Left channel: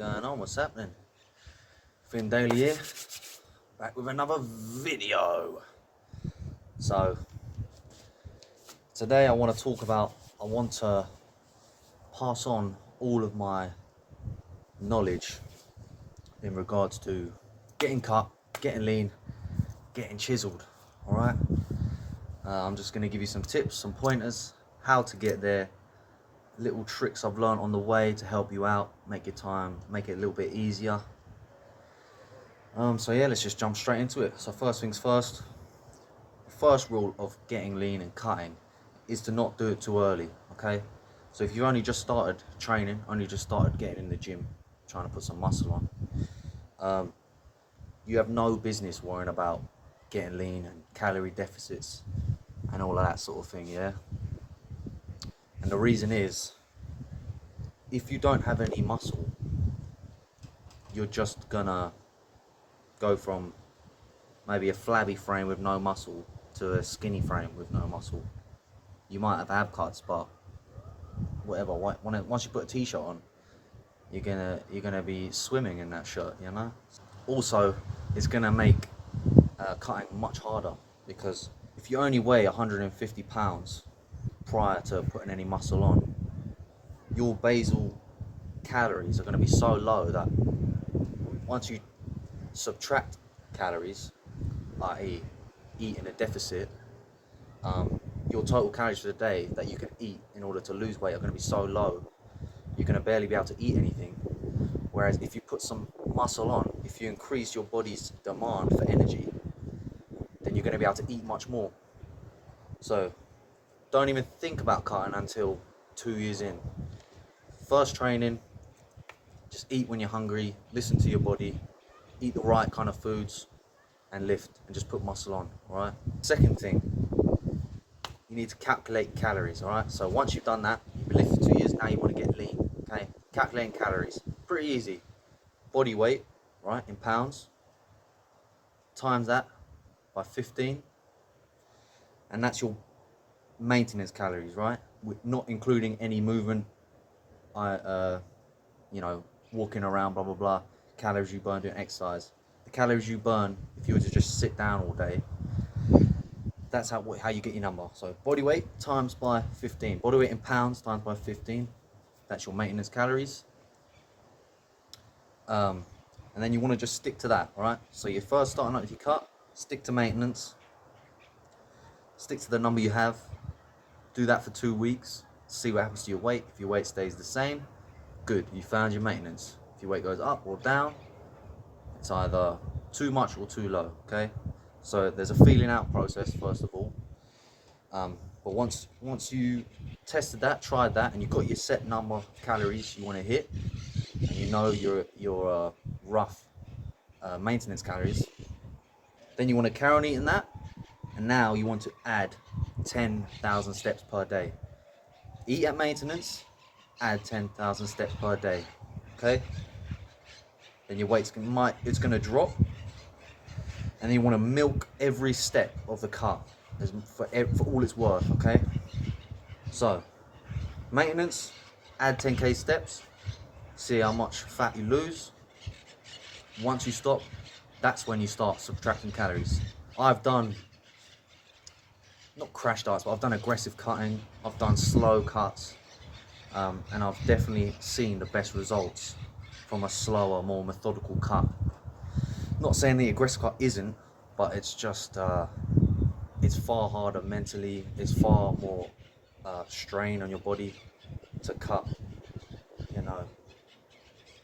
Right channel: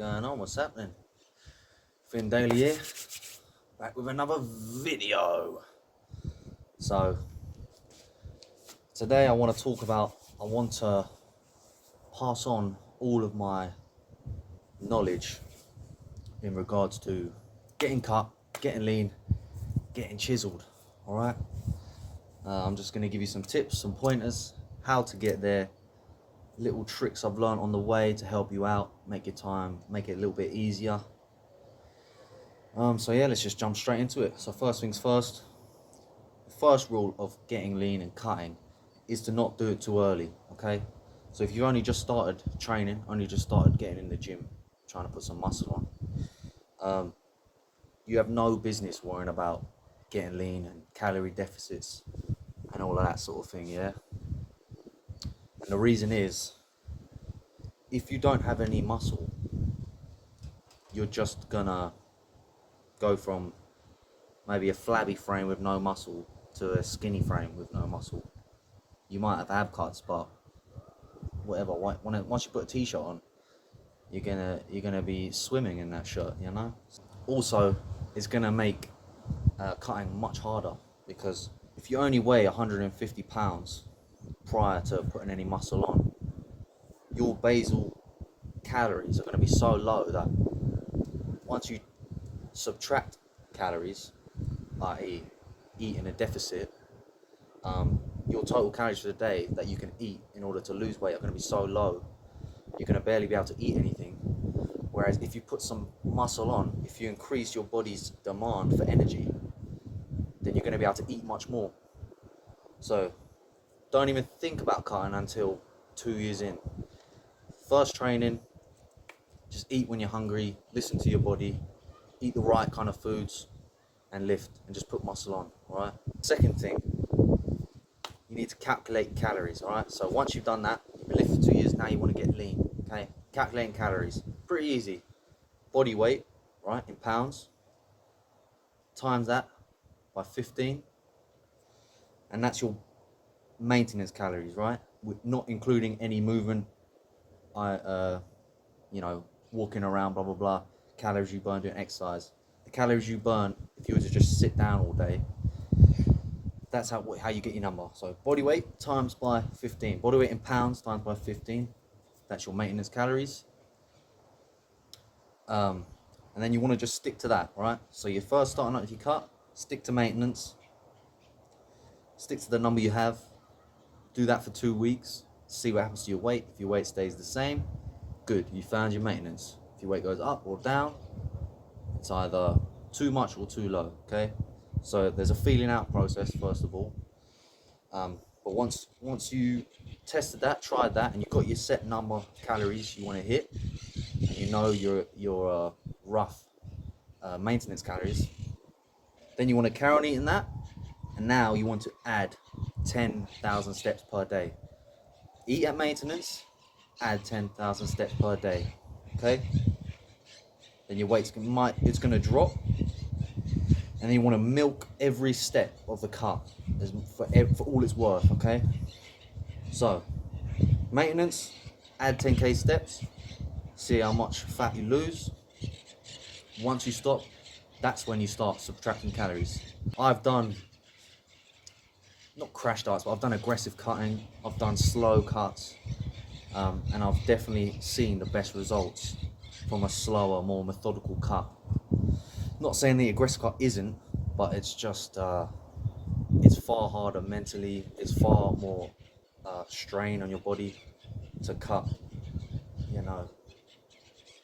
going on? What's happening? Finn Daily here, back with another video. So today I want to pass on all of my knowledge in regards to getting cut, getting lean, getting chiseled. All right. I'm just going to give you some tips, some pointers, how to get there, little tricks I've learned on the way to help you out, make it a little bit easier. So yeah, let's just jump straight into it. So first things first, the first rule of getting lean and cutting is to not do it too early, okay? So if you only just started training, only just started getting in the gym, trying to put some muscle on, you have no business worrying about getting lean and calorie deficits and all of that sort of thing, yeah? And the reason is, if you don't have any muscle, you're just gonna go from maybe a flabby frame with no muscle to a skinny frame with no muscle. You might have ab cuts, but whatever. Once you put a t-shirt on, you're gonna be swimming in that shirt, you know. Also, it's gonna make cutting much harder, because if you only weigh 150 pounds prior to putting any muscle on, your basal calories are going to be so low that once you subtract calories, i.e. eat in a deficit, your total calories for the day that you can eat in order to lose weight are going to be so low, you're going to barely be able to eat anything. Whereas if you put some muscle on, if you increase your body's demand for energy, then you're going to be able to eat much more. So don't even think about cutting until 2 years in. First training, just eat when you're hungry, listen to your body, eat the right kind of foods, and lift, and just put muscle on, all right? Second thing, you need to calculate calories, all right? So once you've done that, you've been lifting for 2 years, now you want to get lean, okay? Calculating calories, pretty easy. Body weight, right, in pounds, times that by 15, and that's your maintenance calories, right? Not including any movement, walking around, blah blah blah, calories you burn doing exercise. The calories you burn if you were to just sit down all day, that's how you get your number. So body weight times by 15, body weight in pounds times by 15, that's your maintenance calories. And then you want to just stick to that, right? So you're first starting out with your cut, stick to maintenance, stick to the number you have, do that for 2 weeks, see what happens to your weight. If your weight stays the same, good, you found your maintenance. If your weight goes up or down, it's either too much or too low, okay? So there's a feeling out process first of all. But once you tested that, tried that, and you've got your set number of calories you want to hit, and you know your rough maintenance calories, then you want to carry on eating that, and now you want to add 10,000 steps per day. Eat at maintenance, add 10,000 steps per day, okay? Then your weight's going to drop, and then you want to milk every step of the cut for all it's worth, okay? So maintenance, add 10k steps, see how much fat you lose. Once you stop, that's when you start subtracting calories. I've done, not crash diets, but I've done aggressive cutting, I've done slow cuts, and I've definitely seen the best results from a slower, more methodical cut. Not saying the aggressive cut isn't, but it's just, it's far harder mentally, it's far more strain on your body to cut,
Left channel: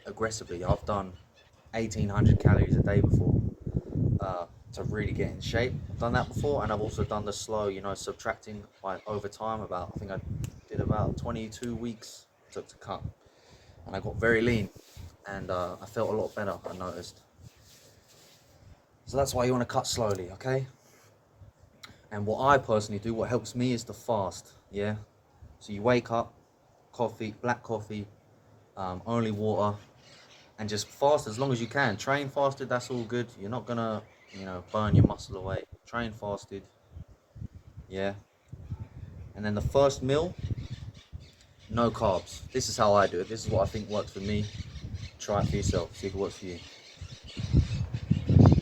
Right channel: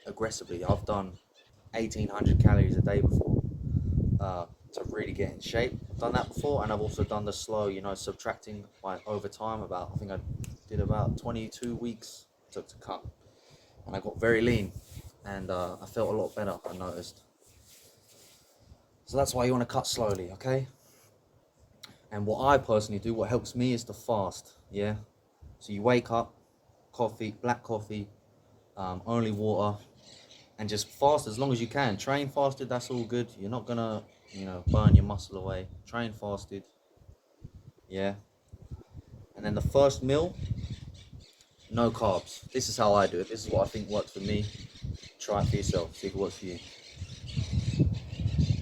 aggressively. I've done 1,800 calories a day before to really get in shape. I've done that before, and I've also done the slow, subtracting by over time. I think I did about 22 weeks took to cut, and I got very lean, and I felt a lot better, I noticed. So that's why you want to cut slowly, okay? And what I personally do, what helps me, is to fast, yeah? So you wake up, black coffee, only water, and just fast as long as you can. Train fasted, that's all good. You're not gonna, burn your muscle away. Train fasted, yeah? And then the first meal, no carbs. This is how I do it. This is what I think works for me. Try it for yourself, see if it works for you.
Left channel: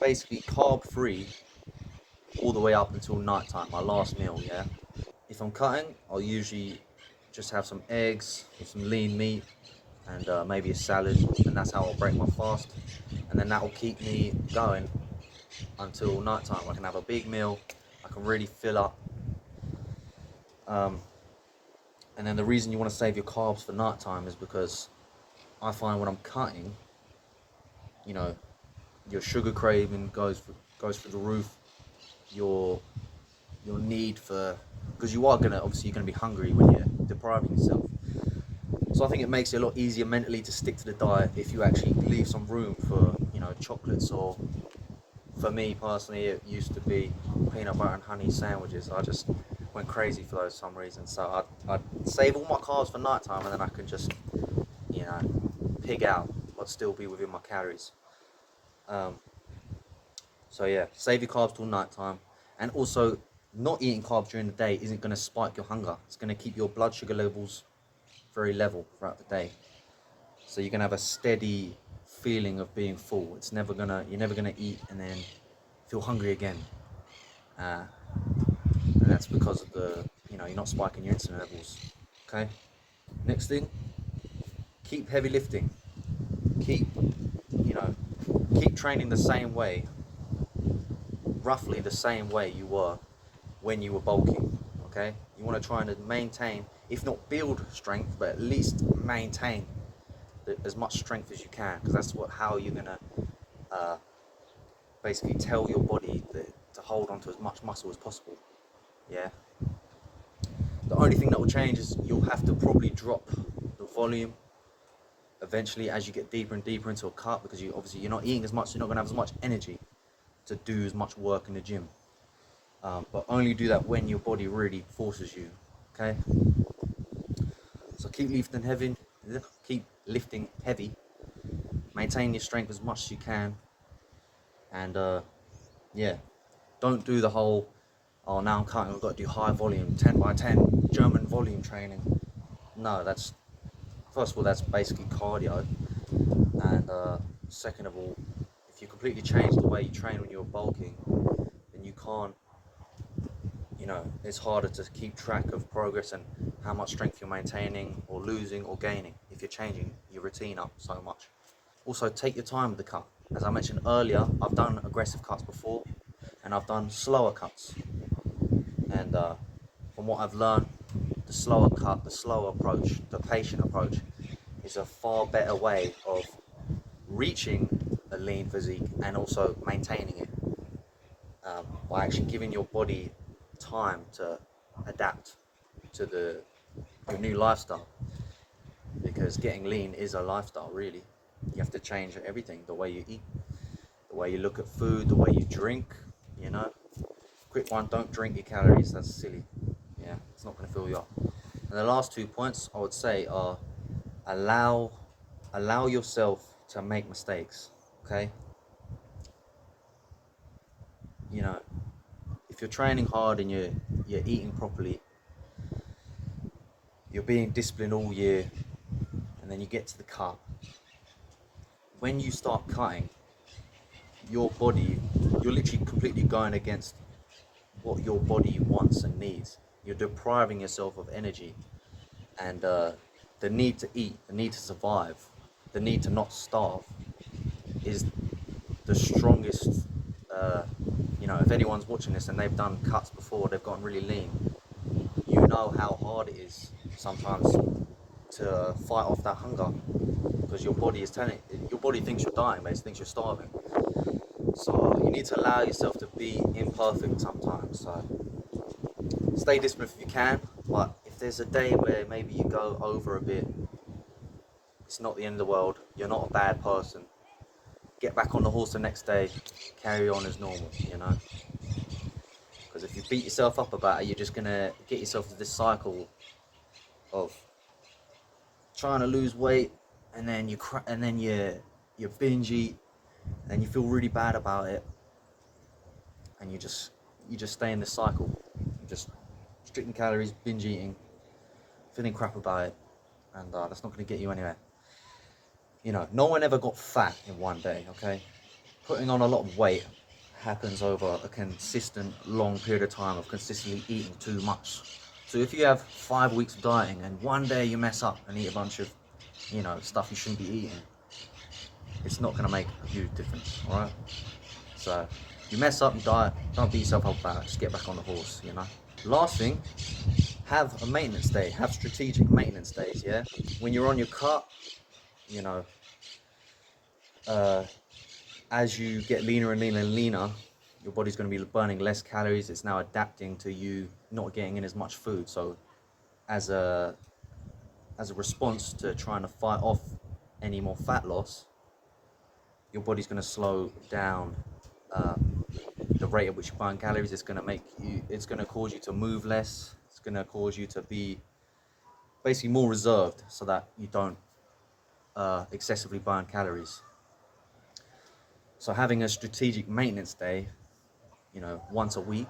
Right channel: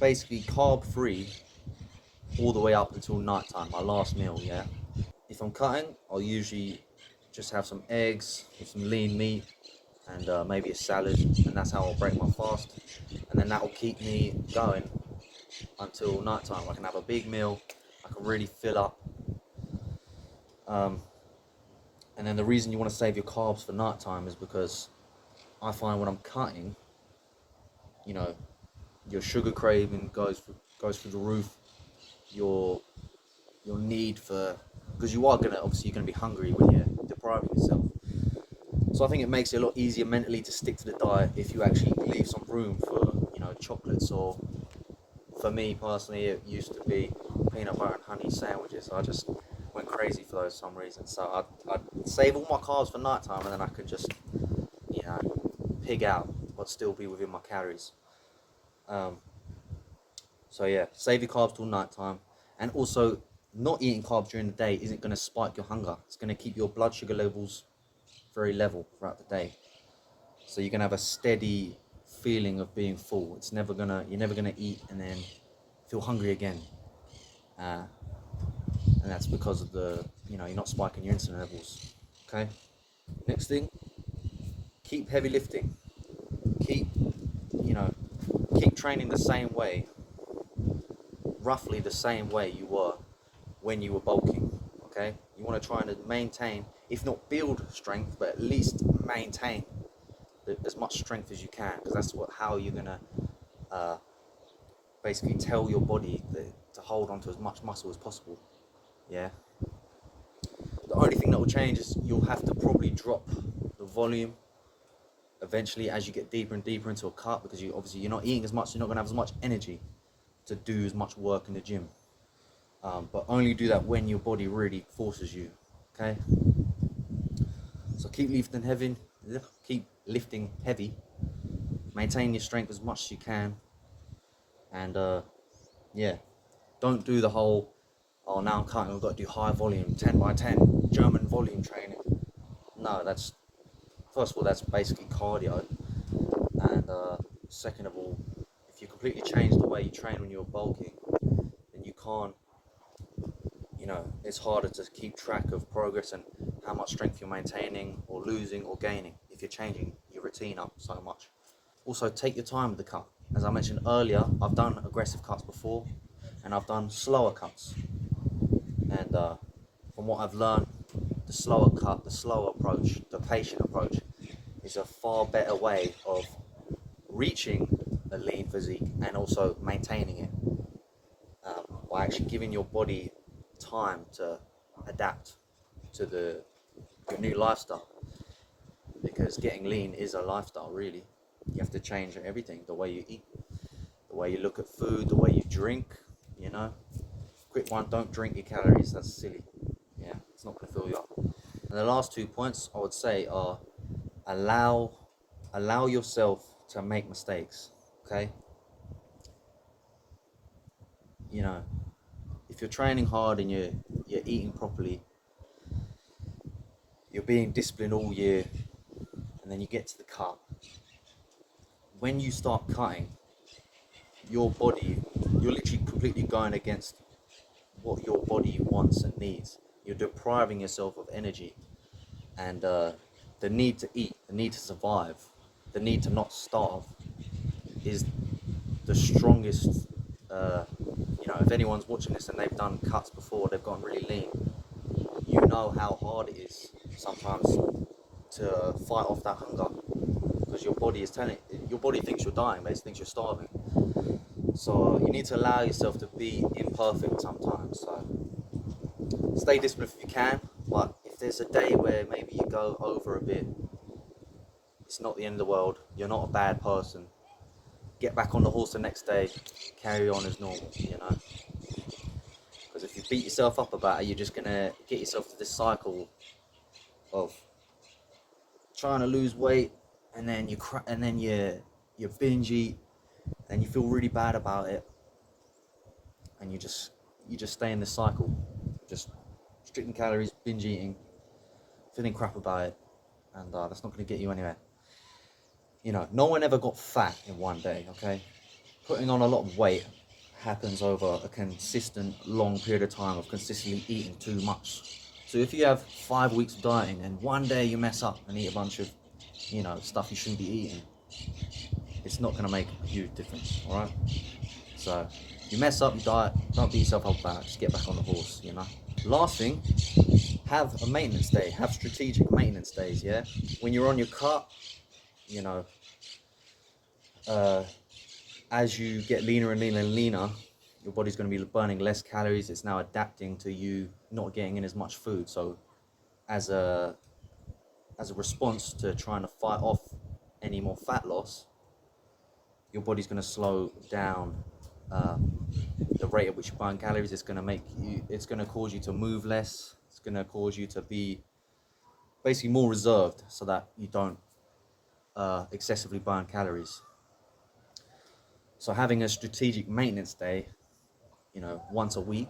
Basically, carb free all the way up until night time, my last meal, yeah? If I'm cutting, I'll usually just have some eggs with some lean meat and maybe a salad, and that's how I'll break my fast. And then that will keep me going until night time. I can have a big meal, I can really fill up. Um, and then the reason you want to save your carbs for night time is because I find when I'm cutting, you know, your sugar craving goes through the roof. Your your need for, because you are gonna, obviously you're gonna be hungry when you're depriving yourself. So I think it makes it a lot easier mentally to stick to the diet if you actually leave some room for, chocolates, or for me personally it used to be peanut butter and honey sandwiches. I just went crazy for those for some reason. So I'd save all my carbs for night time, and then I could just, you know, pig out but still be within my calories. Um, so yeah, save your carbs till night time. And also, not eating carbs during the day isn't going to spike your hunger. It's going to keep your blood sugar levels very level throughout the day. So you're gonna have a steady feeling of being full. You're never gonna eat and then feel hungry again. Uh, and that's because of you're not spiking your insulin levels. Okay. Next thing, keep heavy lifting. Keep, you know, keep training the same way, roughly the same way you were when you were bulking. Okay. You want to try and maintain, if not build strength, but at least maintain as much strength as you can, because that's how you're gonna uh, basically tell your body to hold on to as much muscle as possible. Yeah. The only thing that will change is you'll have to probably drop the volume eventually as you get deeper and deeper into a cut, because you're not eating as much, you're not gonna have as much energy to do as much work in the gym. But only do that when your body really forces you. Okay. So keep lifting heavy, maintain your strength as much as you can, and yeah, don't do the whole, oh, now I'm cutting, I've got to do high volume, 10 by 10, German volume training. No, first of all, that's basically cardio. And second of all, if you completely change the way you train when you're bulking, then you can't, it's harder to keep track of progress and how much strength you're maintaining or losing or gaining if you're changing your routine up so much. Also, take your time with the cut. As I mentioned earlier, I've done aggressive cuts before, and I've done slower cuts. And from what I've learned, the slower cut, the slow approach, the patient approach is a far better way of reaching a lean physique and also maintaining it, by actually giving your body time to adapt to your new lifestyle. Because getting lean is a lifestyle, really. You have to change everything: the way you eat, the way you look at food, the way you drink. You know, quick one: don't drink your calories. That's silly. Yeah, it's not going to fill you up. And the last 2 points I would say are, allow yourself to make mistakes. Okay. You know, if you're training hard and you're eating properly, you're being disciplined all year, and then you get to the cut. When you start cutting, your body, you're literally completely going against what your body wants and needs. You're depriving yourself of energy, and the need to eat, the need to survive, the need to not starve is the strongest. If anyone's watching this and they've done cuts before, they've gotten really lean, you know how hard it is sometimes to fight off that hunger, because your body thinks you're dying, but it thinks you're starving. So you need to allow yourself to be imperfect sometimes. So stay disciplined if you can, but if there's a day where maybe you go over a bit, it's not the end of the world. You're not a bad person. Get back on the horse the next day, carry on as normal, Because if you beat yourself up about it, you're just gonna get yourself to this cycle of trying to lose weight, and then you binge eat, and you feel really bad about it, and you just stay in this cycle, just restricting calories, binge eating, feeling crap about it, and that's not going to get you anywhere. You know, no one ever got fat in one day, okay? Putting on a lot of weight happens over a consistent long period of time of consistently eating too much. So if you have 5 weeks of dieting and one day you mess up and eat a bunch of, you know, stuff you shouldn't be eating, it's not going to make a huge difference, all right? So you mess up, you diet, don't beat yourself up about it, just get back on the horse, you know? Last thing, have a maintenance day, have strategic maintenance days, yeah? When you're on your cut, you know, as you get leaner and leaner and leaner, your body's going to be burning less calories. It's now adapting to you not getting in as much food. So as a response to trying to fight off any more fat loss, your body's going to slow down the rate at which you burn calories. It's going to cause you to move less. It's going to cause you to be basically more reserved so that you don't excessively burn calories. So having a strategic maintenance day, you know, once a week,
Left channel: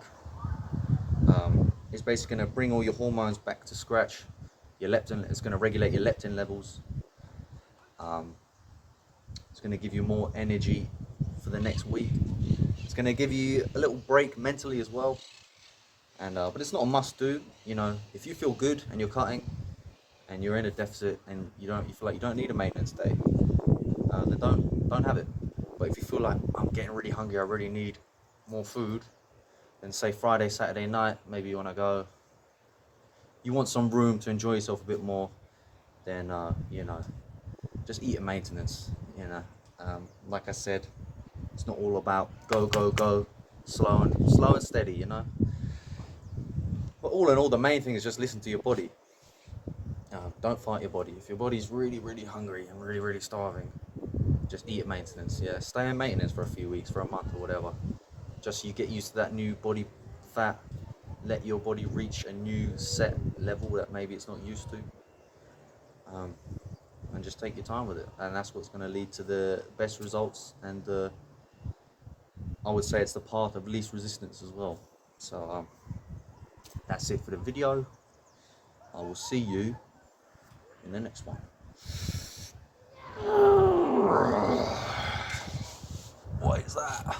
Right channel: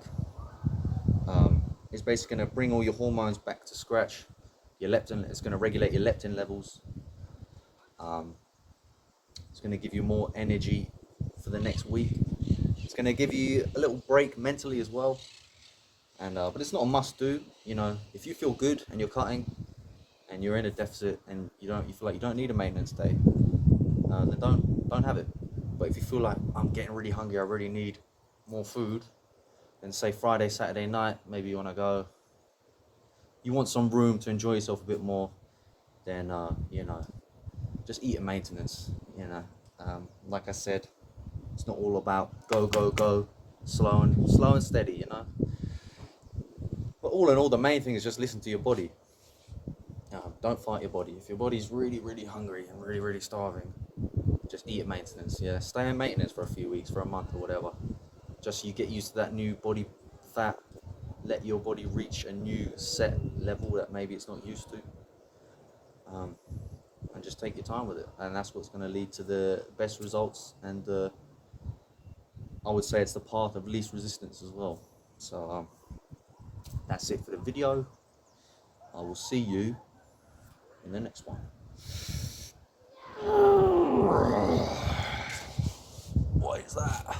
is basically going to bring all your hormones back to scratch. Your leptin, it's going to regulate your leptin levels. It's going to give you more energy for the next week. It's going to give you a little break mentally as well. And but it's not a must do. You know, if you feel good and you're cutting and you're in a deficit and you feel like you don't need a maintenance day, then don't have it. But if you feel like I'm getting really hungry, I really need more food, then say Friday, Saturday night, maybe you want to go, you want some room to enjoy yourself a bit more, then you know, just eat a maintenance. You know, like I said, it's not all about go, slow and steady. You know, but all in all, the main thing is just listen to your body. Don't fight your body. If your body's really hungry and really starving, just eat at maintenance. Yeah, stay in maintenance for a few weeks, for a month or whatever. Just so you get used to that new body fat. Let your body reach a new set level that maybe it's not used to. And just take your time with it. And that's what's going to lead to the best results. And I would say it's the path of least resistance as well. So that's it for the video. I will see you in the next one. What is that?